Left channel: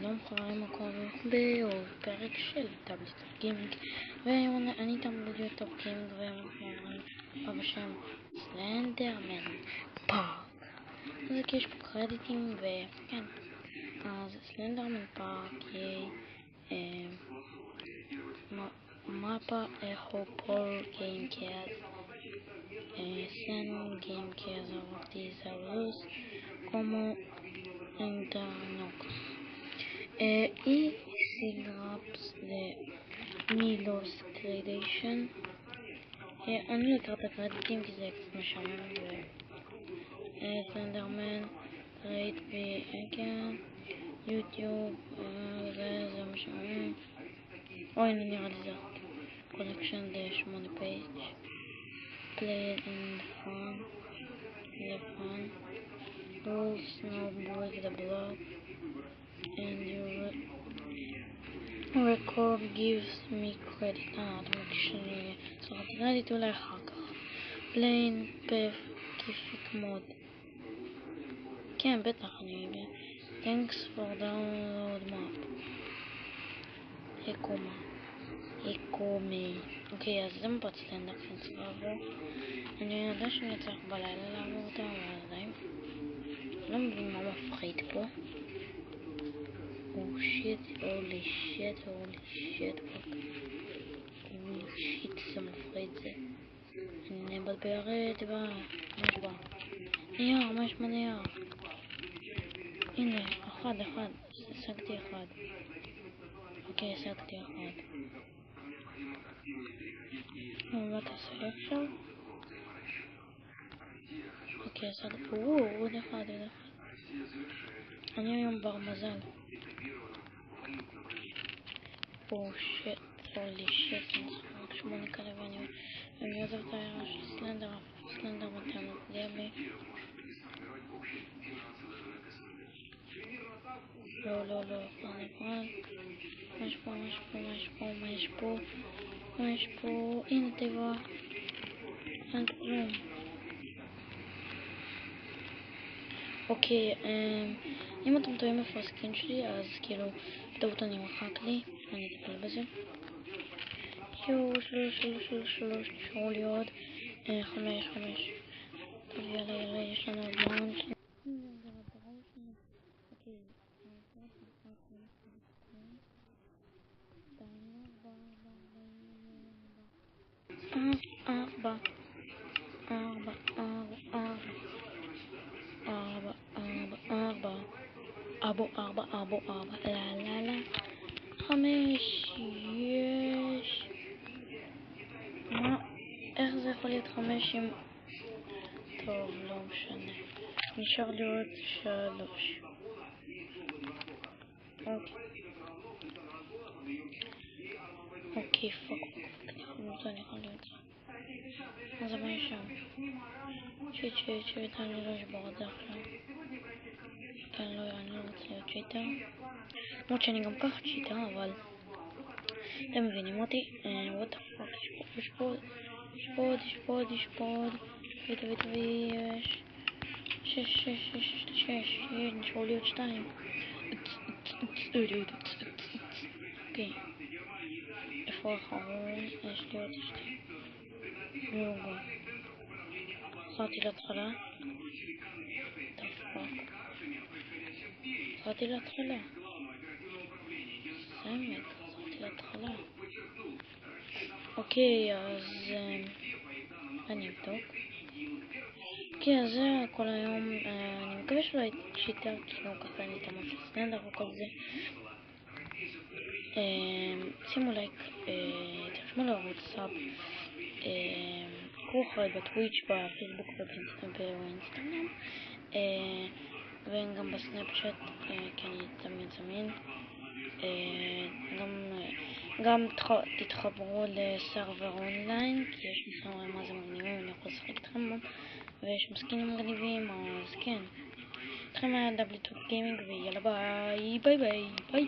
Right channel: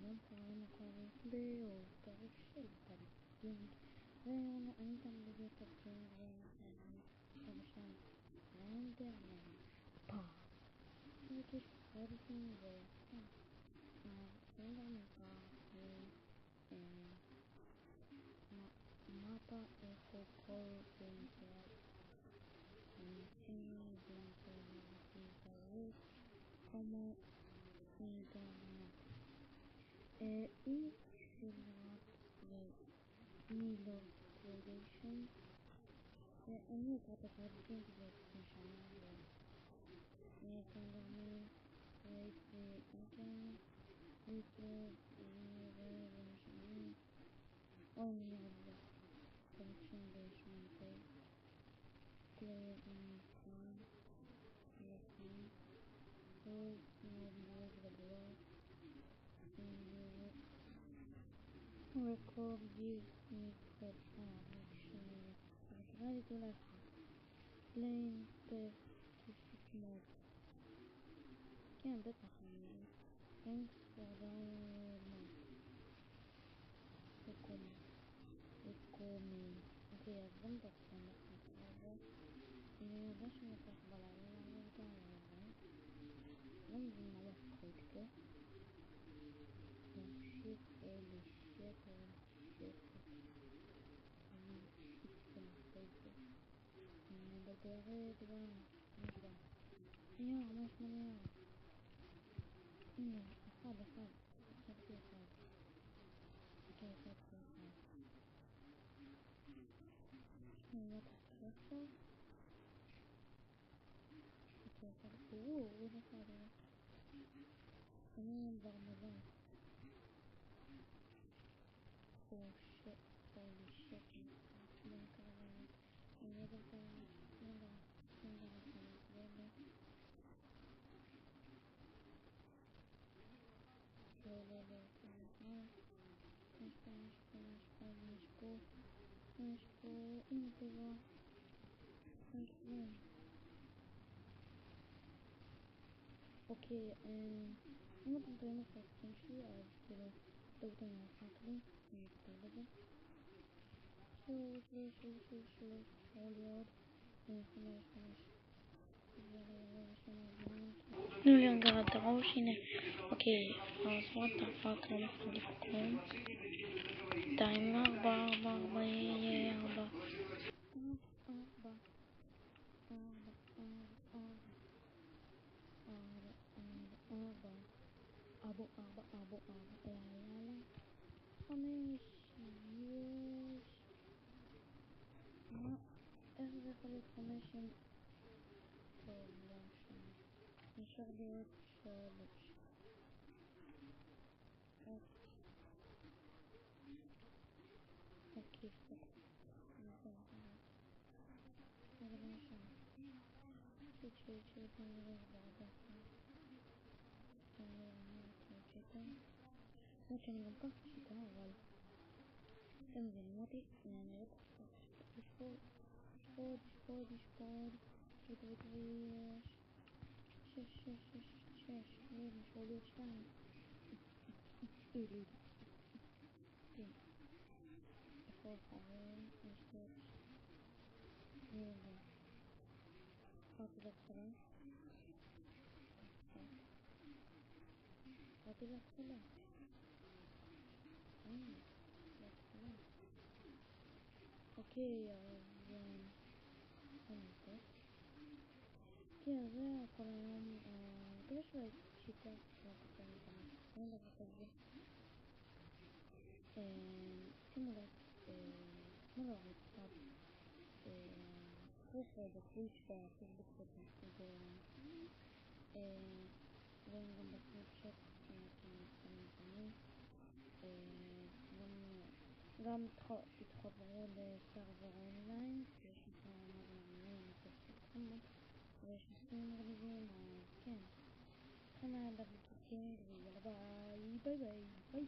שלום חברים, מה קורה בעוד פרק של טאבלט גיימינג, והיום אני איתם ביוטיוב גיימינג והיום בשם סלנדרמן פארק. אז יש פה קרדיטים וכן, אז סלנדרמן פארק היא mapa echo por gamecast sen gamecast of desarrollos como Internoc y sigraps de Milos Gradation. אני לא אקרא את הקרדיטים כי זה קצת משעמם סלנדרמן קרדיט ואגן יוטיוב זה משעמם. אוי, אני נראה לי זה collection the 8 page play it in fun the fun rules no break the block and your record gives me credit. אתה מקשני סרט קרדיט אולי אחר כך plain path כיפית מוד כן בטח אני יודע thanks for download map אקומי. אוקיי, אז זה מפת סטנדאפ שאני צריך לעבור. אני יודע שאני צריך בלילה לעבור אותה, אבל עדיין לא מבין מה מפחיד פה. הולי שיט זה מפחיד זה. אני מבלבלת מה יש בנייר? הנה, אחד, השגתי אחד. אוקיי, השגתי אחד. מה תעשה לי עכשיו? אוקיי, השגתי. עוד אחד. אני היום בר מזל. הולי שיט, אני רק 8 כאלה ואני עוזב את העירה של סלנדר מתם גבי. לא, מה יש פה? הנה תיבה. אין כלום. אוקיי, אם אתם טועים איפה הסקין שלי, אז כאילו, בטעות אני מחק לי, אני אטפל בזה. שלוש, נשארו לי עוד 5. יאללה, יש לנו עוד זמן. תנו לי רגע את הראש, הנה. אוקיי, אז what the fuck, לא מפחיד לי פה כלום. 2, 4, 5, יש. מה? איך זה יכול להיות 5 עם... טוב, לא משנה. נשאר לי עוד 3. אוקיי, פאק. אני יכול להיות זה. אז מה יש שם? שיט, אני לא אשבור את זה עכשיו. כן, אני לא רוצה להיות צ'יטר. למרות שאני גם ככה צ'יטר, אבל... אתם מבינים אותי? what the fuck, יש פה ויש 6, נשארו לי עוד 2. אוקיי, איפה האחרון? יש לי עוד 2. חזרתי להתחלה. חזרתי להתחלה. אוקיי, אז אני אבדוק. אוקיי, אז זה כל היום. אני מקווה שלא הייתי צ'יטר, כאילו ככה אין לי את המון של סלנדר וכל זה. שימו לייק, תרשמו לערוץ סאב, קחו אחרי בטוויץ', בפייסבוק ובאינסטגרם, וגם בסנאפצ'אט, כי אני תמיד זמין. גם תתחברו לסרבר אונליין, כי יש לי סרבר מה זה מגניבים, אני יכול לשחק איתכם בו, ויש מסקינים מגניבים, אז כן. איתכם היה טאבלט גיימינג, ויאללה ביי.